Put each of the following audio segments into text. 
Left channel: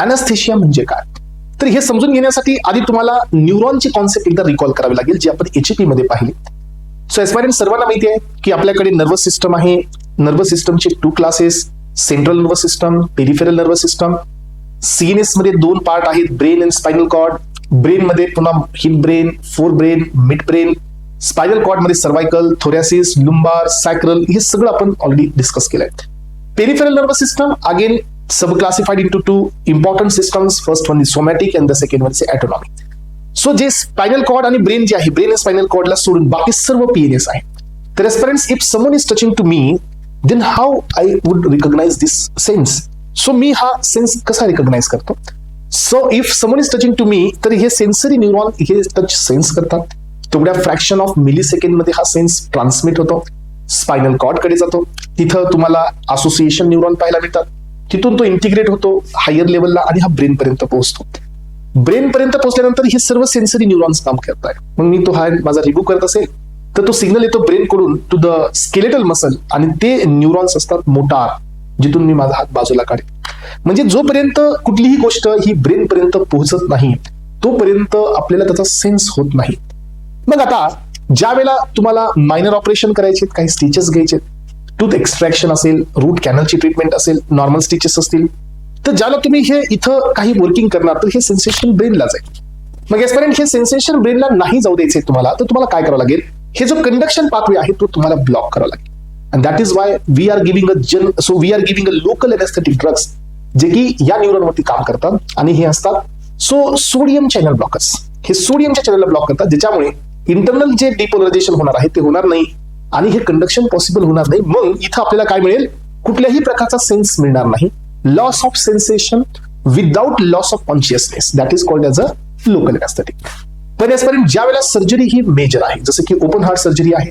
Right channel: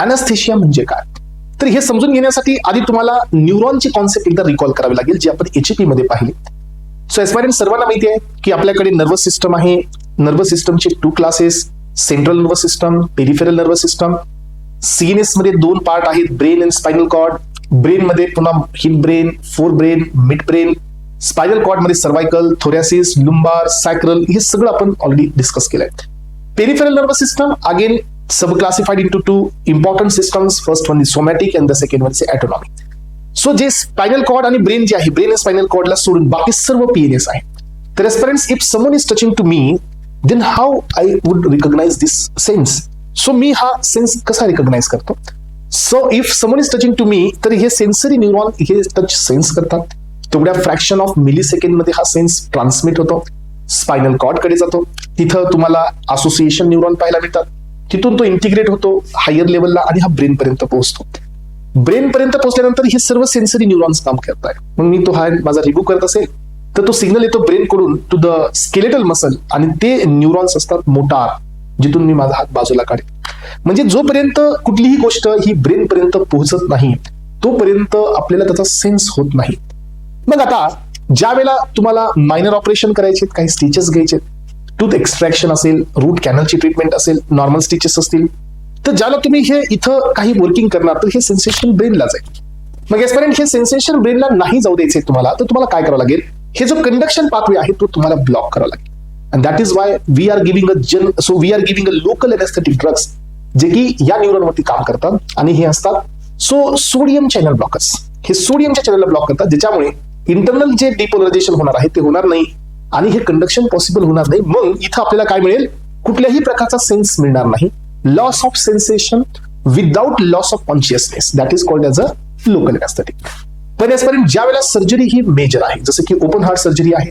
अॅनास्थेशिया म्हणजे काय? तर हे समजून घेण्यासाठी आधी तुम्हाला न्यूरॉनची कॉन्सेप्ट एकदा रिकॉल करावी लागेल, जी आपण एचपी मध्ये पाहिली. सो एस्पायरंट सर्वांना माहिती आहे की आपल्याकडे नर्वस सिस्टम आहे. नर्वस सिस्टमचे 2 classes, central nervous system, peripheral nervous system. CNS मध्ये 2 पार्ट आहेत, brain and spinal cord. Brain मध्ये पुन्हा हिप brain, fore brain, mid brain. Spinal cord मध्ये सर्वायकल, थोरॅसिस, लुंबार, सॅक्रल, हे सगळं आपण ऑलरेडी डिस्कस केलंय. Peripheral nervous system again subclassified into 2 important systems. First one is somatic and the second one is autonomic. So जे spinal cord आणि brain जे आहे, brain आणि स्पायनल कॉर्डला सोडून बाकी सर्व पीएनएस आहे. तर aspirants, if someone is touching to me, then how I would recognize this sense? So मी हा सेन्स कसा रिकॉग्नाइज करतो? So if someone is touching to me, तर हे सेन्सरी न्यूरॉन हे टच सेन्स करतात. तेवढ्या फ्रॅक्शन ऑफ मिली सेकंड मध्ये हा सेन्स ट्रान्समिट होतो, स्पायनल कॉर्ड कडे जातो. तिथं तुम्हाला असोसिएशन न्यूरॉन पाहायला मिळतात. तिथून तो इंटिग्रेट होतो हायर लेवलला आणि हा ब्रेन पर्यंत पोहोचतो. ब्रेन पर्यंत पोहोचल्यानंतर हे सर्व सेन्सरी न्यूरॉन्स काम करतात. मग मी तो हँड माझा रिमूव्ह करत असेल तर तो सिग्नल येतो ब्रेन कडून टू द स्केलेटल मसल, आणि ते न्यूरॉन्स असतात मोटार, जिथून मी माझा हात बाजूला काढेन. म्हणजे जोपर्यंत कुठलीही गोष्ट ही ब्रेन पर्यंत पोहोचत नाही तोपर्यंत आपल्याला त्याचा सेन्स होत नाही. मग आता ज्या वेळेला तुम्हाला मायनर ऑपरेशन करायचे, काही स्टिचेस घ्यायचे, टूथ एक्स्ट्रॅक्शन असेल, रूट कॅनलची ट्रीटमेंट असेल, नॉर्मल स्टिचेस असतील, तर ज्याला तुम्ही हे इथं काही वर्किंग करणार तर हे सेन्सेशन ब्रेनला जाईल. मग यापर्यंत हे सेन्सेशन ब्रेनला नाही जाऊ द्यायचे तुम्हाला, तर तुम्हाला काय करावं लागेल? हे जो कंडक्शन पाथवे आहे तो तुम्हाला ब्लॉक करावा लागेल. And that is why we are giving a local anaesthetic drugs, जे की या न्यूरॉनवरती काम करतात, आणि हे असतात सोडियम चॅनल ब्लॉकर्स. हे सोडियमच्या चॅनलला ब्लॉक करतात, ज्याच्यामुळे इंटरनल जे डिपोलरायझेशन होणार आहे ते होणार नाही आणि हे कंडक्शन पॉसिबल होणार नाही. मग इथं आपल्याला काय मिळेल? कुठल्याही प्रकारचा सेन्स मिळणार नाही. Loss of sensation without loss of consciousness, that is called as a local anaesthetic. पण यापर्यंत ज्या वेळेला सर्जरी ही मेजर आहे, जसं की ओपन हार्ट सर्जरी आहे,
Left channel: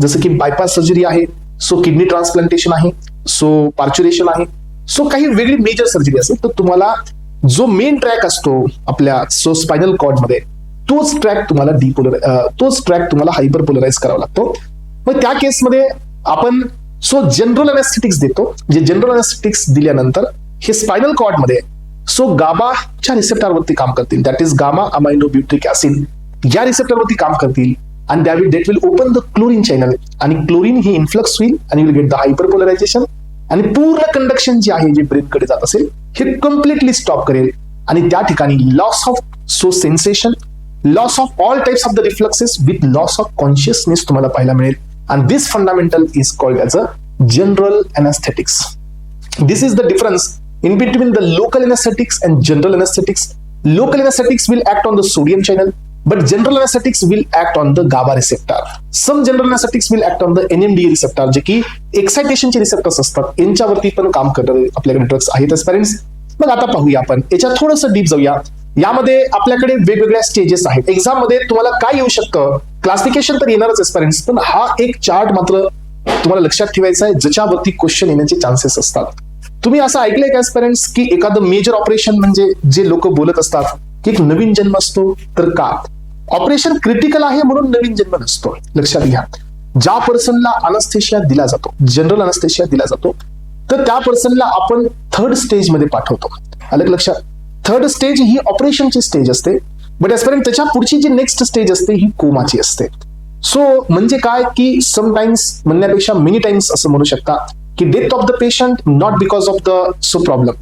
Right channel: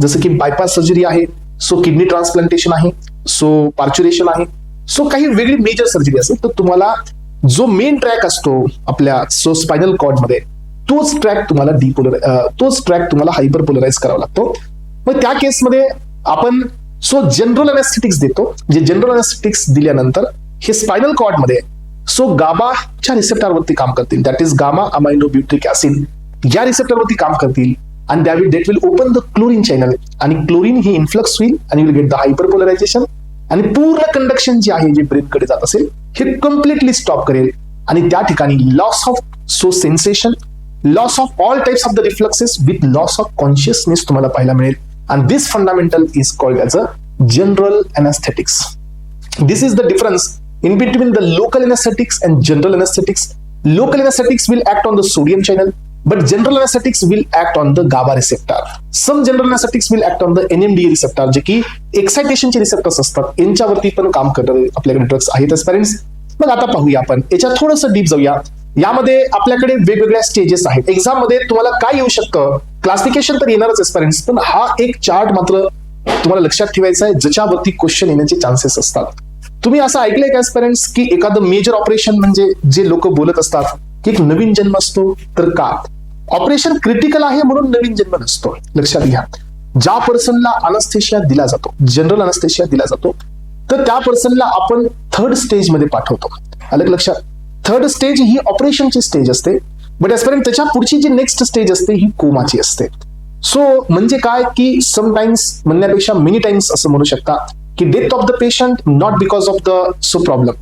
जसं की बायपास सर्जरी आहे, सो किडनी ट्रान्सप्लांटेशन आहे, सो पार्च्युरेशन आहे, सो काही वेगळी मेजर सर्जरी असेल, तर तुम्हाला जो मेन ट्रॅक असतो आपल्या स्पायनल कॉर्ड मध्ये, तोच ट्रॅक तुम्हाला हायपरपोलराइज करावा लागतो. मग त्या केसमध्ये आपण जनरल अनेस्थेटिक्स देतो. जे जनरल अनेस्थेटिक्स दिल्यानंतर हे स्पायनल कॉर्ड मध्ये गाबाच्या रिसेप्टरवरती काम करतील, दॅट इज गामा अमायनोब्युटिक ऍसिड या रिसेप्टरवरती काम करतील, आणि that will open the chlorine channel, आणि क्लोरीन हे इन्फ्लक्स होईल आणि विल गेट द हायपरपोलरायझेशन, आणि पूर्ण कंडक्शन जे आहे जे ब्रेन कडे जात असेल हे कम्प्लिटली स्टॉप करेल, आणि त्या ठिकाणी loss of sensation, loss of all types of the reflexes with loss of consciousness तुम्हाला पाहायला मिळेल. And this fundamental is called as a general anesthetics. This is the difference in between the local anesthetics and general anesthetics. Local anesthetics will act on the sodium channel, but general anesthetics will act on the GABA receptor. Some general anesthetics will act on the NMDA receptor, जे की एक्साइटेशनचे receptors असतात, यांच्यावरती पण काम करणारे आपल्याकडे drugs आहेत parents. मग आता पाहूया आपण याच्यात थोडंसं डीप जाऊया. यामध्ये आपल्याकडे वेगवेगळ्या स्टेजेस आहेत. एक्झाम मध्ये तुम्हाला काय येऊ शकतं? क्लासिफिकेशन तर येणारच एस्पिरंट्स, पण हा एक चार्ट मात्र तुम्हाला लक्षात ठेवायचा आहे, ज्याच्यावरती क्वेश्चन येण्याचे चान्सेस असतात. तुम्ही असं ऐकलंय का एस्पिरंट्स की एखादं मेजर ऑपरेशन म्हणजे जे लोक बोलत असतात की एक नवीन जन्म असतो, तर का ऑपरेशन क्रिटिकल आहे म्हणून नवीन जन्म नसतो? लक्षात घ्या, ज्या पर्सनला अनस्थेशिया दिला जातो, जनरल अनस्थेशिया दिला जातो, तर त्या पर्सनला आपण 3rd स्टेज मध्ये पाठवतो. अलग लक्षात, 3rd स्टेज ही ऑपरेशनची स्टेज असते, बट आजपर्यंत त्याच्या पुढची जी नेक्स्ट स्टेज असते ही कोमाची असते. सो म्हणजे काय की समटाइम्स म्हणण्यापेक्षा मेनी टाइम्स असं म्हणू शकतात की death of the patient not because of the problem,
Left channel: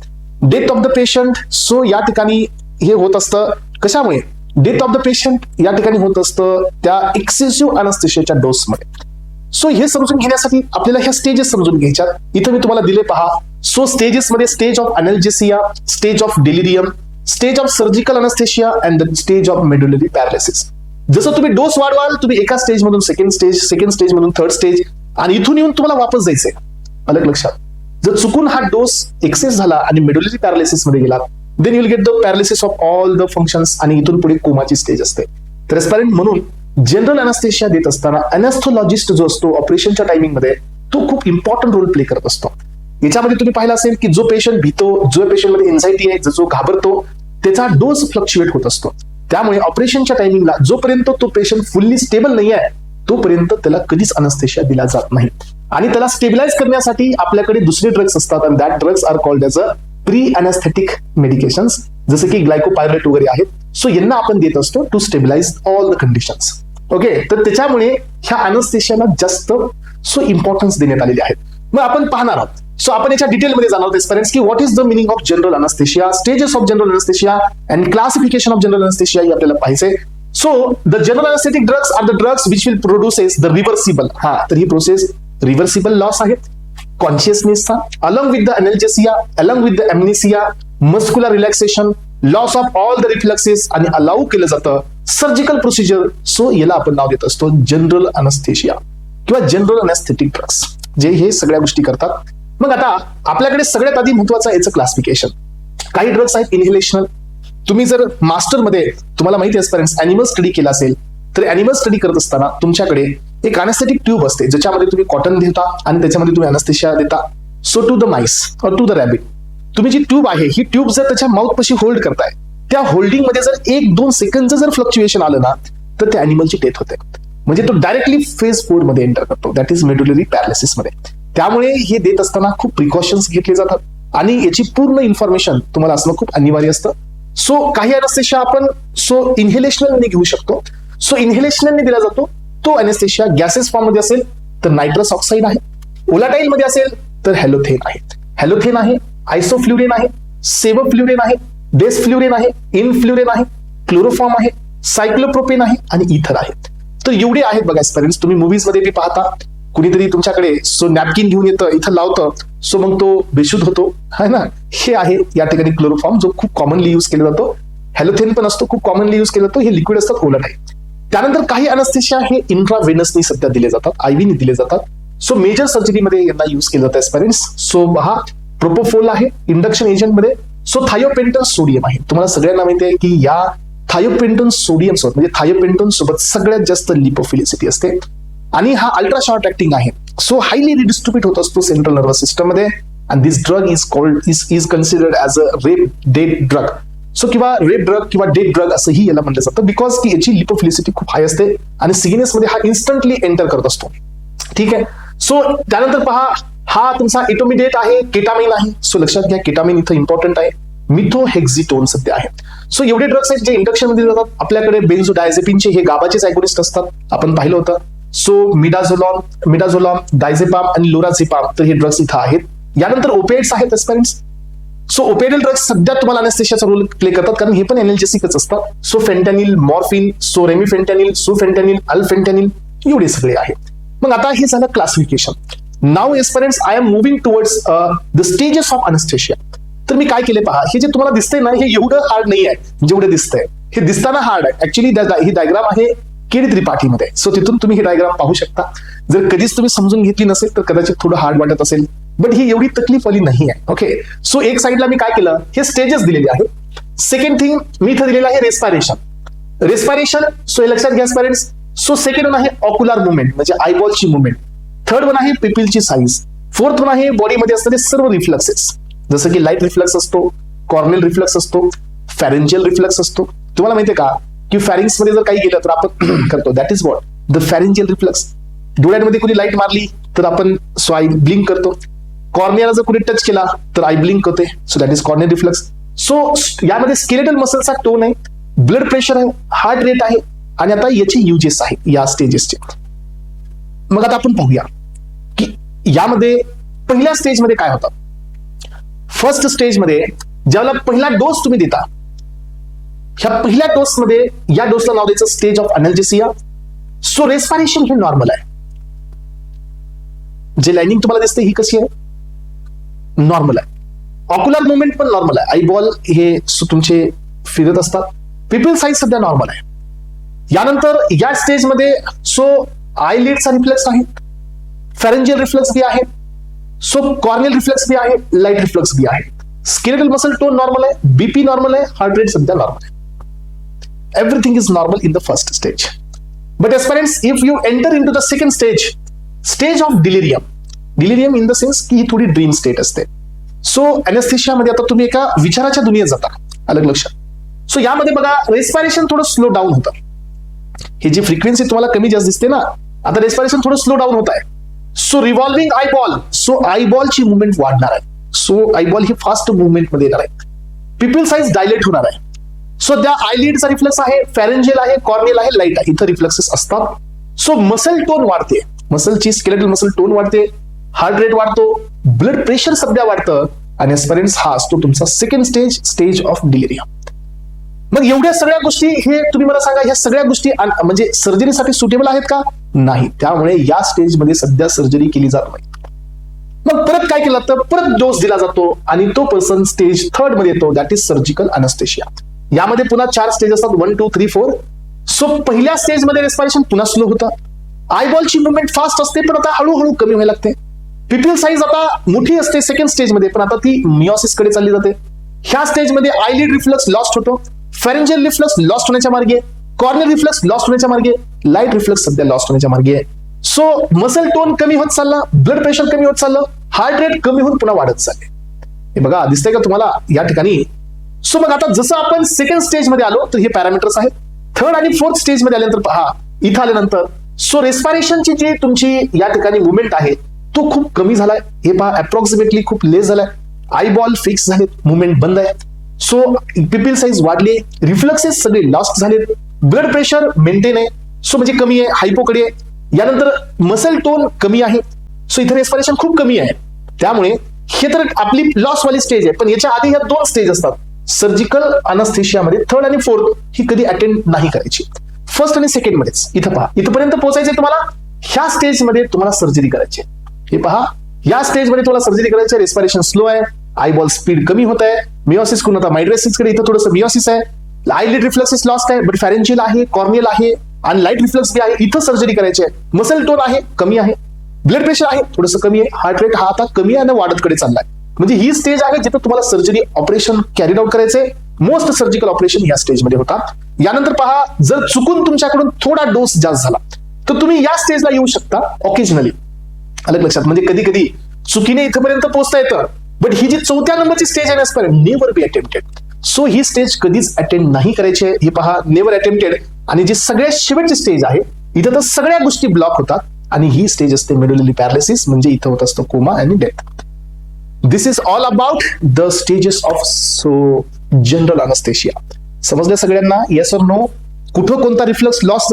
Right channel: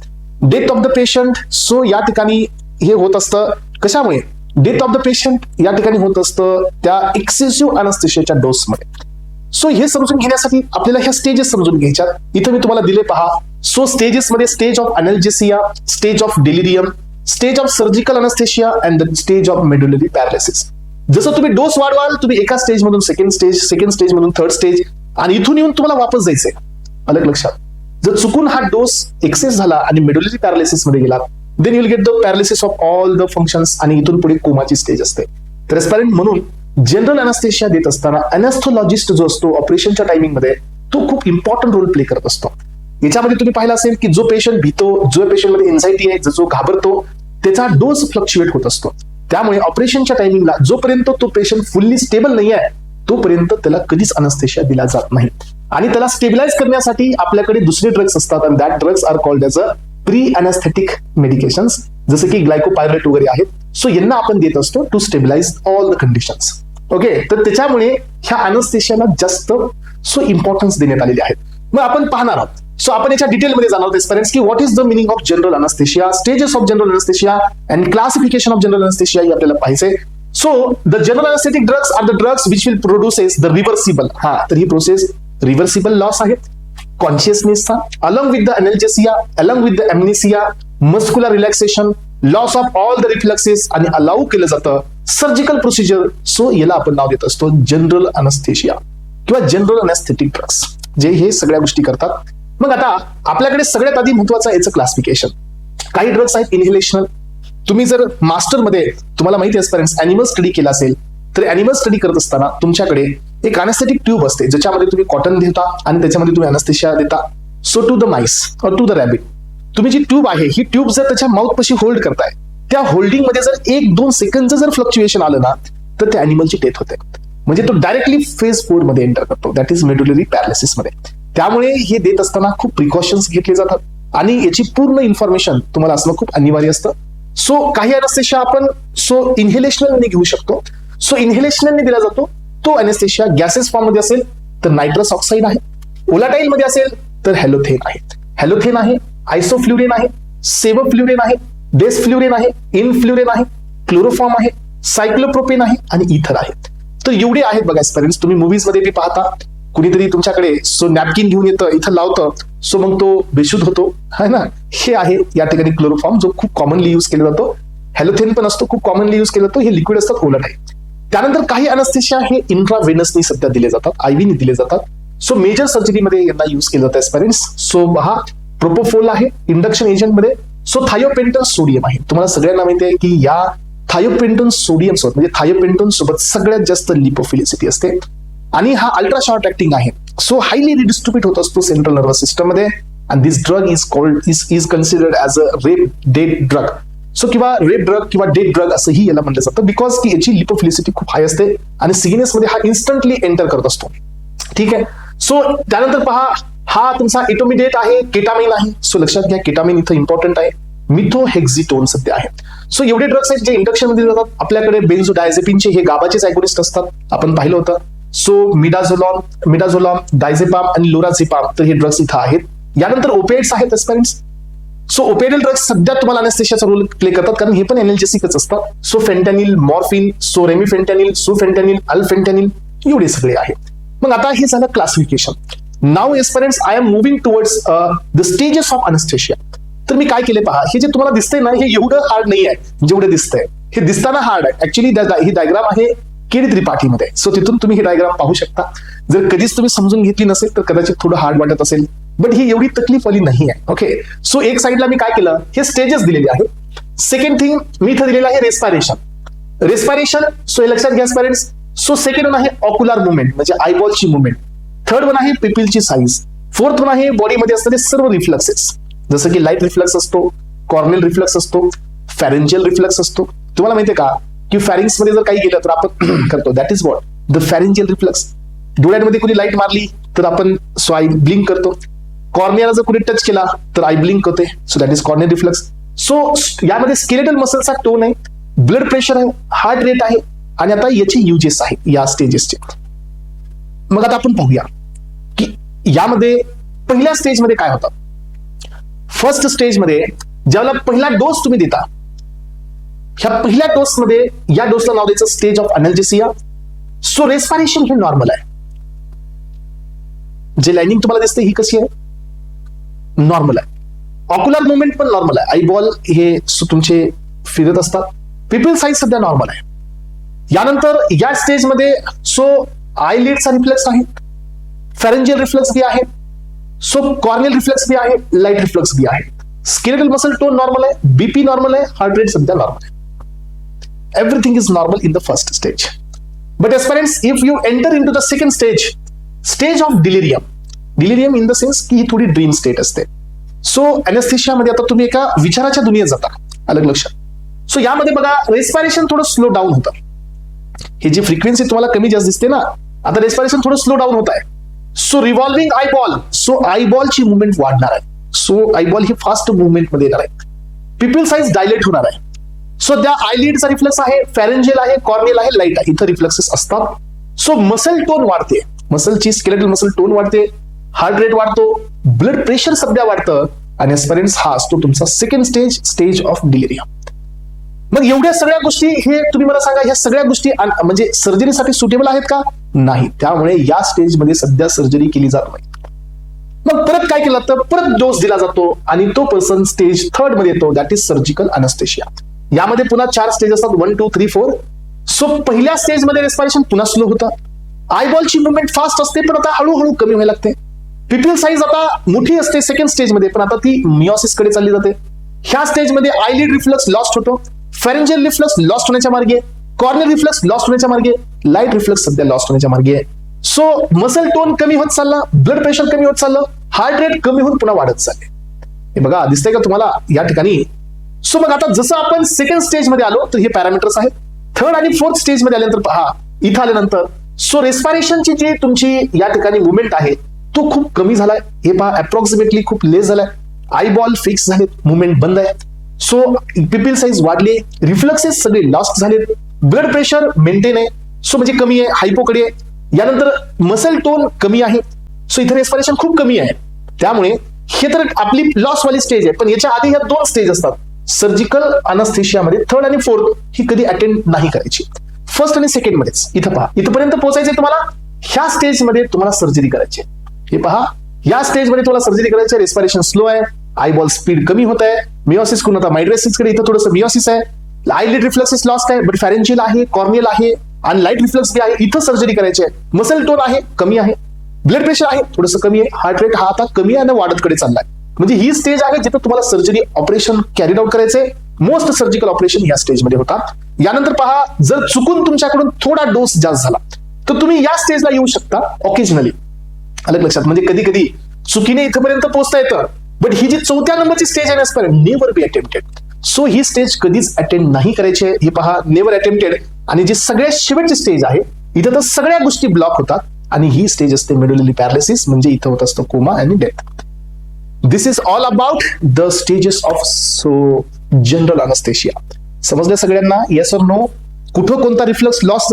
death of the patient. So या ठिकाणी हे होत असतं कशामुळे? डेथ ऑफ द पेशंट या ठिकाणी होत असतं त्या एक्सेसिव्ह अनस्थेशियाच्या डोसमध्ये. सो हे समजून घेण्यासाठी आपल्याला ह्या स्टेजेस समजून घ्यायच्या. इथं मी तुम्हाला दिले पहा. सो स्टेजेस मध्ये stage of analgesia, stage of delirium, stage of surgical anaesthesia and the stage of medullary paralysis. जसं तुम्ही डोस वाढवाल, तुम्ही एका स्टेज मधून सेकंड स्टेज मधून 3rd स्टेज, आणि इथून येऊन तुम्हाला वापस जायचंय. अलग लक्षात, जर चुकून हा डोस एक्सेस झाला आणि मेडुलरी पॅरालिसिस मध्ये गेला, then you'll get the paralysis of all the functions, आणि इथून पुढे कोमाची स्टेज असते. ट्रान्सपॅरंट म्हणून जनरल अनस्थेशिया देत असताना अनस्थोलॉजिस्ट जो असतो ऑपरेशनच्या टायमिंग मध्ये, तो खूप इम्पॉर्टंट रोल प्ले करत असतो. याच्यामध्ये तुम्ही पाहिलं असेल की जो पेशंट भीतो, जो पेशंट मध्ये एन्झायटी आहे, जो घाबरतो, त्याचा डोस फ्लक्च्युएट होत असतो. त्यामुळे ऑपरेशनच्या टायमिंगला जोपर्यंत तो पेशंट फुल्ली स्टेबल नाही आहे तोपर्यंत त्याला कधीच अनस्थेशिया दिला जात नाही. आणि त्याला स्टेबिलाइज करण्यासाठी आपल्याकडे दुसरे ड्रग्स असतात, आणि that drugs are called as a pre anaesthetic medications जसे की ग्लायकोपायरेट वगैरे आहेत. सो यांना आपण देत असतो to stabilise all the conditions. Okay, तर त्याच्यामुळे ह्या अनेस्थेशियाला जास्त इम्पॉर्टन्स देण्यात आलेले आहेत. मग आपण पाहणार आहोत. सो आपण याच्या डिटेलमध्ये जाणून घेऊ की what is the meaning of general anaesthesia, stages of general anaesthesia and classification of general anaesthesia हे आपल्याला पाहायचंय. So the general anaesthetic drugs are the drugs which will produce the reversible. तर ही प्रोसेस रिव्हर्सिबल लॉस आहे कॉन्शियसनेसचा, along with the analgesia, along with the amnesia, muscular relaxation, loss of all the reflexes आणि allow केलं जातं surgical procedure. So याला आपण नाव देत असतो जनरल अनेस्थेशिया किंवा जनरल अनेस्थेटिक ड्रग्स, जे हे सगळ्या गोष्टी करतात. मग आता आपल्याकडे सगळ्यात आधी महत्वाचं याचं क्लासिफिकेशन. काही ड्रग्स आहेत इनहेलेशनल. तुम्ही जर मास्टरमध्ये तुम्हाला माहिती असताना अॅनिमल स्टडी केला असेल तर अॅनिमल स्टडी करत असताना तुमच्याकडे एक अनेस्थेटिक ट्यूब असते ज्याच्यामध्ये तुम्ही कॉटन घेता आणि त्याच्यामध्ये तुम्ही अनेस्थेशिया देता. सो टू द माइस और टू द रॅबिट तुम्ही जी ट्यूब आहे ही ट्यूब जर त्याच्या माउथ पाशी होल्ड करताय, त्या होल्डिंग मध्ये जर 1-2 सेकंड जर फ्लक्च्युएशन आलं ना तर त्या अॅनिमलची डेथ होते. म्हणजे तो डायरेक्टली फेज 4 मध्ये एंटर करतो, दॅट इज मेडुलरी पॅरालिसिस मध्ये. त्यामुळे हे देत असताना खूप प्रिकॉशन्स घेतले जातात आणि याची पूर्ण इन्फॉर्मेशन तुम्हाला असणं खूप अनिवार्य असतं. सो काही अनेस्थेशिया आपण इन्हेलेशनल घेऊ शकतो. सो इन्हेलेशनल दिला जातो तो अनेस्थेशिया गॅसेस फॉर्म मध्ये असेल तर नायट्रस ऑक्साईड आहे, व्होलाटाईल मध्ये असेल तर हॅलोथेन आहे. हॅलोथेन आहे, आयसोफ्ल्युरेन आहे, सेवोफ्ल्युरेन आहे, डेसफ्ल्युरेन आहे, इनफ्ल्युरेन आहे, क्लोरोफॉर्म आहे, सायक्लोप्रोपेन आहे आणि इथर आहे. तर एवढे आहेत बघा एक्सपेरिमेंट्स. तुम्ही मूवीज मध्ये बी पाहता, कुणीतरी तुमच्याकडे नॅपकिन घेऊन येतं, इथं लावतं, सो मग तो बेशुद्ध होतो, है ना. हे आहे या ठिकाणी क्लोरोफॉर्म जो खूप कॉमनली युज केला जातो. हॅलोथेन पण असतो, खूप कॉमनली युज केला जातो. हे लिक्विड असतात, व्होलाटाईल. त्यानंतर काही अनेस्थेशिया हे इंट्राव्हेनसनी सध्या दिले जातात, आयव्हीने दिले जातात. सो मेजर सर्जरीमध्ये यांना युज केलं जातं एक्सपेरिमेंट्स. सो हा प्रोपोफोल आहे इंडक्शन एजंट मध्ये. सो थायोपेंटन सोडियम आहे. तुम्हाला सगळ्यांना माहिती आहे की या थायोपेंटन सोडियम सोबत म्हणजे थायोपेंटन सोबत सगळ्यात जास्त लिपोफिलिसिटी असते आणि हा अल्ट्रा शॉर्ट ऍक्टिंग आहे. सो हायली रिडिस्ट्रीब्यूट होत असतो सेंट्रल नर्वस सिस्टम मध्ये. And this drug is considered as a red dead drug. So किंवा रेड ड्रग किंवा डेड ड्रग असंही याला म्हणलं जातं बिकॉज की याची लिपोफिलिसिटी खूप हाय असते आणि सिग्नेस मध्ये हा इन्स्टंटली एंटर करत असतो. ठीक आहे. सो त्यानंतर पहा, हा तुमचा इटोमिडेट आहे, केटामिन आहे. सो लक्षात घ्या केटामिन इथं इम्पॉर्टंट आहे. मिथोहेक्झिटोन सध्या आहे. सो एवढे ड्रग्स आहेत जे इंडक्शन मध्ये जातात. आपल्याकडे बेन्झोडायझेपिनचे हे गाबाचेच अगोनिस्ट असतात, आपण पाहिलं होतं. सो मिडाझोलॉम, डायझेपाम आणि लोराझेपाम तर हे ड्रग्स इथं आहेत. यानंतर ओपिएट्स आहेत एक्सपेरिमेंट्स. सो ओपिएडल ड्रग्स सध्या तुम्हाला अनेस्थेशियाचा रोल प्ले करतात कारण हे पण एनर्जेसिकच असतात. So fentanyl, morphine, so remifentanil, sufentanil, alfentanil एवढे सगळे आहेत. मग आता हे झालं क्लासिफिकेशन. नाव experiments I am moving towards the stages of anaesthesia. तर मी काय केले पहा, हे जे तुम्हाला दिसतंय ना हे एवढं हार्ड नाही आहे जेवढं दिसतंय. हे दिसताना हार्ड आहे ऍक्च्युअली. ही डायग्राम आहे केडी त्रिपाठीमध्ये. सो तिथून तुम्ही ही डायग्राम पाहू शकता. जर कधीच तुम्ही समजून घेतली नसेल तर कदाचित थोडं हार्ड वाटत असेल, बट ही एवढी तकलीफ वाली नाही आहे. ओके. सो एक साइडला मी काय केलं, हे स्टेजेस दिलेले आहेत. सेकंड थिंग मी इथे दिलेलं आहे रेस्पिरेशन. सो हे लक्षात घ्या स्पेरेंट्स. सो सेकंड वन आहे ऑक्युलर मुवमेंट म्हणजे आयबॉलची मुवमेंट. थर्ड वन आहे पिपिलची साईज. फोर्थ वन आहे बॉडीमध्ये असणारे सर्व रिफ्लेक्सेस जसं की लाईट रिफ्लेक्स असतो, कॉर्नेल रिफ्लेक्स असतो, फॅरेंजियल रिफ्लेक्स असतो. तुम्हाला माहितीये का की फॅरिंग्स मध्ये जर काही गेलं तर आपण करतो, that is what the pharyngeal reflex. डोळ्यांमध्ये कुणी लाईट मारली तर आपण सो आय ब्लिंक करतो. कॉर्नियाला जर कुणी टच केला तर आय ब्लिंक होते. So that is corneal reflex. So यामध्ये स्केलेटल मसलचा टोन आहे, ब्लड प्रेशर आहे, हार्ट रेट आहे आणि आता याचे युजेस आहेत या स्टेजेसचे. मग आता आपण पाहूया की यामध्ये पहिल्या स्टेजमध्ये काय होतं. फर्स्ट स्टेजमध्ये ज्यावेळेला पहिला डोस तुम्ही देता, ह्या पहिल्या डोस मध्ये या डोसला नाव द्यायचं stage of analgesia. So respiration ही नॉर्मल आहे. जे लाइनिंग तुम्हाला दिसते ही कशी आहे, नॉर्मल आहे. ऑक्युलर मुवमेंट पण नॉर्मल आहे. आईबॉल हे तुमचे फिरत असतात. पिपिल साईज सुद्धा नॉर्मल आहे. यानंतर या स्टेज मध्ये सो आयलिडचा रिफ्लेक्स आहे, फॅरेंजियल रिफ्लेक्स बी आहे, सो कॉर्नियल रिफ्लेक्स बी आहे, लाईट रिफ्लेक्स बी आहे. स्केलेटल मसल टोन नॉर्मल आहे, बीपी नॉर्मल आहे, हार्ट रेट सध्या नॉर्मल आहे. Everything is normal in the first stage. But experience if you enter into the second stage of delirium in the sense की ही थोडी dream state असते. So anaesthesia मध्ये आता तुम्ही एका विचाराच्या दुनियेत जाता, अलग लक्षात. सो यामध्ये बघा रेस्पिरेशन थोडं स्लो डाऊन होतं. ही जी फ्रिक्वेन्सी तुम्हाला कमी जास्त दिसते ना, आता रेस्पिरेशन थोडं स्लो डाऊन होत आहे. सो रिव्हॉल्विंग आयबॉल, सो आयबॉलची मुवमेंट वाढणार आहे. सो आयबॉल ही फास्ट मुवमेंट मध्ये येणार आहे. पिपल साइज डायलेट होणार आहे. सो त्या आयलिडचा रिफ्लेक्स आहे, फॅरेंजियल आहे, कॉर्नियल आहे, लाईट आहे, इथं रिफ्लेक्सेस असतात. सो मसल टोन वाढते, मसलची स्केलेटल मसल टोन वाढते, हार्ट रेट वाढतो, ब्लड प्रेशर सध्या वाढतं आणि एस्पेरेन्स हा असतो तुमचा सेकंड स्टेज ऑफ डिलिरियम. मग एवढ्या सगळ्या गोष्टी हे तुम्ही मला सांगा, ह्या सगळ्या गोष्टी म्हणजे सर्जरीसाठी सुटेबल आहेत का? नाही. त्यामुळे या स्टेजमध्ये सध्या सर्जरी केली जात नाही. मग परत काय केलं तर परत डोस दिला जातो आणि तो पर्सन स्टेज 3 मध्ये येतो, दॅट इज सर्जिकल अनेस्थेशिया. यामध्ये पुन्हा 4 स्टेज असतात, 1, 2, 3, 4. सो पहिल्या स्टेजमध्ये रेस्पिरेशन पुन्हा स्लो होतं, आयबॉलची मुवमेंट फास्ट असते पण आता हळूहळू कमी व्हायला लागते. पिपल साईज आता मोठी असते सेकंड स्टेजमध्ये, पण आता ती मिओसिस कडे चालली जाते. ह्या स्टेजमध्ये आयलिड रिफ्लेक्स लॉस्ट होतो, फॅरेंजियल रिफ्लेक्स लॉस्ट होण्याच्या मार्गे, कॉर्नियल रिफ्लेक्स लॉस्ट होण्याच्या मार्गे, लाईट रिफ्लेक्स सध्या लॉस्ट होण्याच्या मार्गे आहे. सो मसल टोन कमी होत चालला, ब्लड प्रेशर कमी होत चाललं, हार्ट रेट कमी होत पुन्हा वाढत चालले. हे बघा दिसतंय का तुम्हाला या ठिकाणी? सो मग आता जसं आपण सेकंड स्टेज मध्ये आलो तर हे पॅरामीटर्स आहेत. 3rd आणि 4th स्टेज मध्ये आल्यानंतर पहा, इथं आल्यानंतर सो रेस्पिरेशनची जी तुमची या ठिकाणी मुवमेंट आहे तो खूप कमी झालाय. हे पहा अप्रॉक्सिमेटली खूप लेस झालाय, आयबॉल फिक्स झाले, मुवमेंट बंद आहे. सो पिपल साईज वाढली, रिफ्लेक्सेस सगळे लॉस्ट झाले, ब्लड प्रेशर मेंटेन आहे, सो म्हणजे कमी आहे, हायपोकडे आहे. यानंतर मसल टोन कमी आहे, सो इथे रेस्पिरेशन खूप कमी आहे. त्यामुळे हे तर आपली लॉस वाली स्टेज आहे. पण याच्या आधी ह्या 2 स्टेज असतात. सर्जिकल अनेस्थेशियामध्ये 3rd आणि 4th ही कधी अटेंड नाही करायची, 1st आणि 2nd मध्येच. इथं पहा, इथपर्यंत पोहोचायचं तुम्हाला, ह्या स्टेजमध्ये तुम्हाला सर्जरी करायची. हे पहा, या स्टेजमध्ये तुम्हाला सर्जरी करायची, रेस्पिरेशन स्लो आहे, आयबॉल स्पीड कमी होत आहे, मिओसिस कोण होता मायड्रेसिस कडे, इथं थोडंसं मिओसिस आहे, आयलिड रिफ्लेक्सेस लॉस्ट आहे, बट फॅरेंजियल आहे, कॉर्नियल आहे आणि लाईट रिफ्लेक्स बी आहे, इथं सर्जरी करायची आहे. मसल टोन आहे कमी आहे, ब्लड प्रेशर आहे थोडंसं कमी आहे, हार्ट रेट हा आता कमी आहे आणि वाढत कडे चाललाय. म्हणजे ही स्टेज आहे जिथं तुम्हाला सर्जरी ऑपरेशन कॅरीड आउट करायचंय. मोस्ट सर्जिकल ऑपरेशन या स्टेजमध्ये होतात. यानंतर पहा, जर चुकून तुमच्याकडून थोडा डोस जास्त झाला तर तुम्ही या स्टेजला येऊ शकता ऑकेजनली. अलग लक्षात, म्हणजे कधी कधी चुकीने इथपर्यंत पोहोचता येतं. बट ही जी 4थ्या नंबरची स्टेज आहे ना, never be attempted. So he stage कधीच अटेंड नाही करायची. हे पहा, नेव्हर अटेम्प्टेड. आणि जी सगळ्यात शेवटची स्टेज आहे इथं तर सगळ्या गोष्टी ब्लॉक होतात आणि ही स्टेज असते मेडुलरी पॅरालिसिस, म्हणजे इथं होत असतं कोमा आणि death. This is all about the stages of general anaesthesia. समजलं सगळ्यांना? येस और नो? कुठं कोणता रिफ्लेक्स लॉस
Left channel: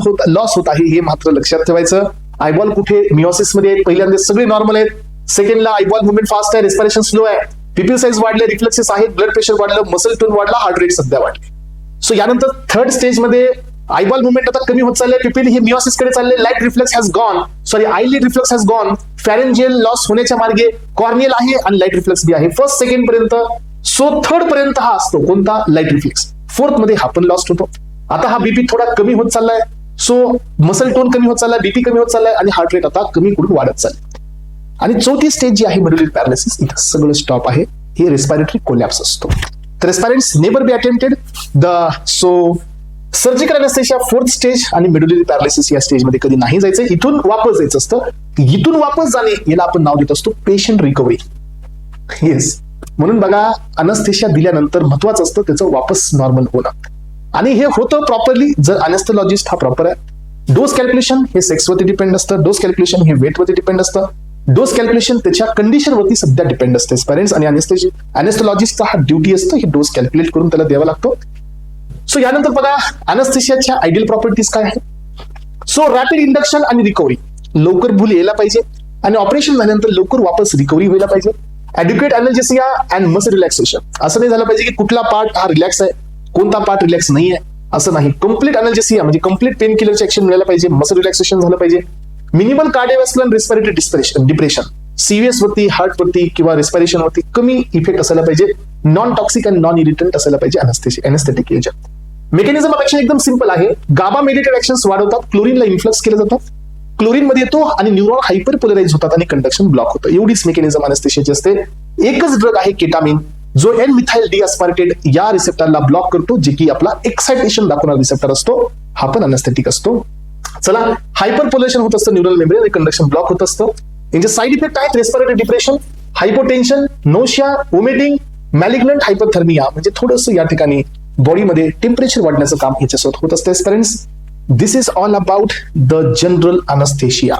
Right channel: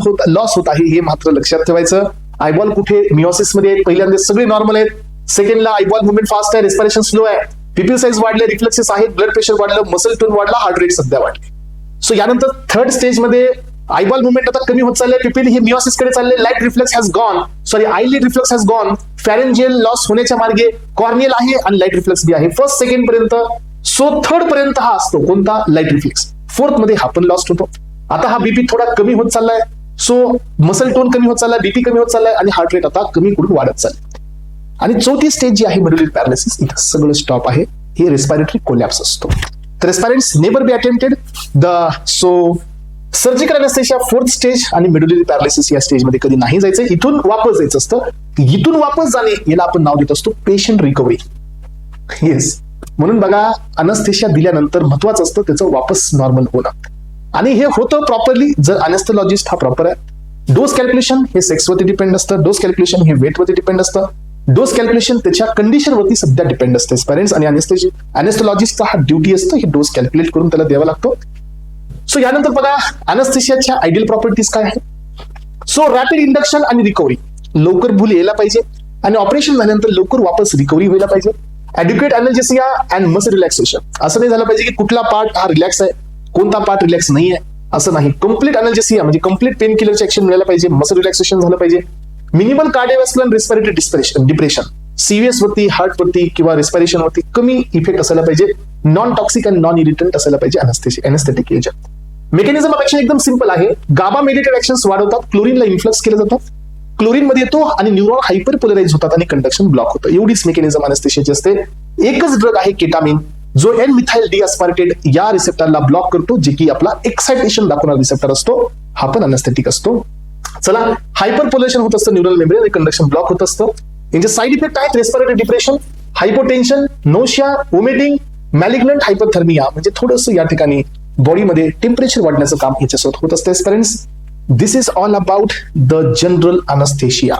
होत आहे हे मात्र लक्षात ठेवायचं. आयबॉल कुठे मिओसिस मध्ये पहिल्यांदा सगळी नॉर्मल आहेत, सेकंडला आयबॉल मुवमेंट फास्ट आहे, रेस्पिरेशन स्लो आहे, पिपल साईज वाढले, रिफ्लेक्सेस आहेत, ब्लड प्रेशर वाढलं, मसल टोन वाढला, हार्ट रेट सध्या वाढले. सो यानंतर 3rd स्टेज मध्ये आयबॉल मुवमेंट आता कमी होत चाललंय, पिपल हे मिओसिस कडे चालले, light reflex has gone, sorry eyelid reflex has gone, pharyngeal loss होण्याच्या मार्गे, कॉर्नियल आहे आणि लाईट रिफ्लेक्स बी आहे 1st 2nd पर्यंत. सो 3rd पर्यंत हा असतो कोणता? Light reflex. 4th मध्ये हा पण लॉस्ट होतो. आता हा बीपी थोडा कमी होत चाललाय, सो मसल टोन कमी होत चाललाय, बीपी कमी होत चाललाय आणि हार्ट रेट आता कमी करून वाढत चाललाय. आणि 4थी स्टेज जी आहे मेडुलरी पॅरालिसिस, सगळं स्टॉप आहे, हे रेस्पिरेटरी कोलॅप्स असतो. Respirants never be attempted. So surgical anaesthesia 4th stage आणि मेडुलरी पॅरालिसिस या स्टेज मध्ये कधी नाही जायचं, इथून वापस जायचं असतं. इथून वापस जाणे याला आपण नाव देत असतो पेशंट रिकव्हरी. येस, म्हणून बघा अनेस्थेशिया दिल्यानंतर महत्वाचं असतं त्याचं वापस नॉर्मल होणं, आणि हे होतं प्रॉपरली जर अनेस्थेलॉजिस्ट हा प्रॉपर आहे. डोस कॅल्क्युलेशन हे सेक्सवरती डिपेंड असतं, डोस कॅल्क्युलेशन हे वेटवरती डिपेंड असतं, डोस कॅल्क्युलेशन त्याच्या कंडिशनवरती सध्या डिपेंड असते. पेरेंट्स आणि अनेस्थेलॉजिस्टचा हा ड्युटी असतो ही डोस कॅल्क्युलेट करून त्याला द्यावा लागतो. सो यानंतर बघा अनेस्थेशियाच्या आयडियल प्रॉपर्टीज काय आहे. सो रॅपिड इंडक्शन आणि रिकव्हरी, लवकर भूल यायला पाहिजे आणि ऑपरेशन झाल्यानंतर लवकर वापस रिकव्हरी व्हायला पाहिजे. ॲड्युकेट अनर्जेसिया अँड मसल रिलॅक्सेशन, असं नाही झालं पाहिजे की कुठला पार्ट हा रिलॅक्स आहे कोणता पार्ट रिलॅक्स नाही आहे, असं नाही. कम्प्लीट अनर्जेसिया म्हणजे कम्प्लीट पेन किलरचे ऍक्शन मिळालं पाहिजे, मसल रिलॅक्सेशन झालं पाहिजे. मिनिमल कार्डियोव्हास्क्युलर रेस्पिरेटरी डिप्रेशन, सीव्हीएस वरती, हार्ट वरती किंवा रेस्पिरेशन वरती कमी इफेक्ट असायला पाहिजे. नॉन टॉक्सिक अँड नॉन इरिटंट असायला पाहिजे anaesthetic agent. Mechanism of action एकदम सिंपल आहे. गाबा मेडिटेड ऍक्शन्स वाढवतात, क्लोरीनला इन्फ्लक्स केलं जातात, क्लोरीन मध्ये येतो आणि न्यूरॉन हायपरपोलराइज होतात आणि कंडक्शन ब्लॉक होतं. एवढीच मेकॅनिझम अनेस्थेशियाची असते. एकच ड्रग आहे केटामिन, जो एन मिथाइल डिअस्पार्टेट या रिसेप्टरला ब्लॉक करतो, जे की आपला एक्साइटेशन दाखवणारा रिसेप्टर असतो, हा पण अनेस्थेटिक असतो. चला, हायपरपोलेशन होत असतं न्यूरल मेम्ब्रेन आणि कंडक्शन ब्लॉक होत असतं. यांचे साईड इफेक्ट आहेत respiratory depression, hypotension, nausea, vomiting, malignant hyperthermia, म्हणजे थोडंसं या ठिकाणी बॉडीमध्ये टेम्परेचर वाढण्याचं काम याच्यासोबत होत असतं. This is all about the general anaesthesia.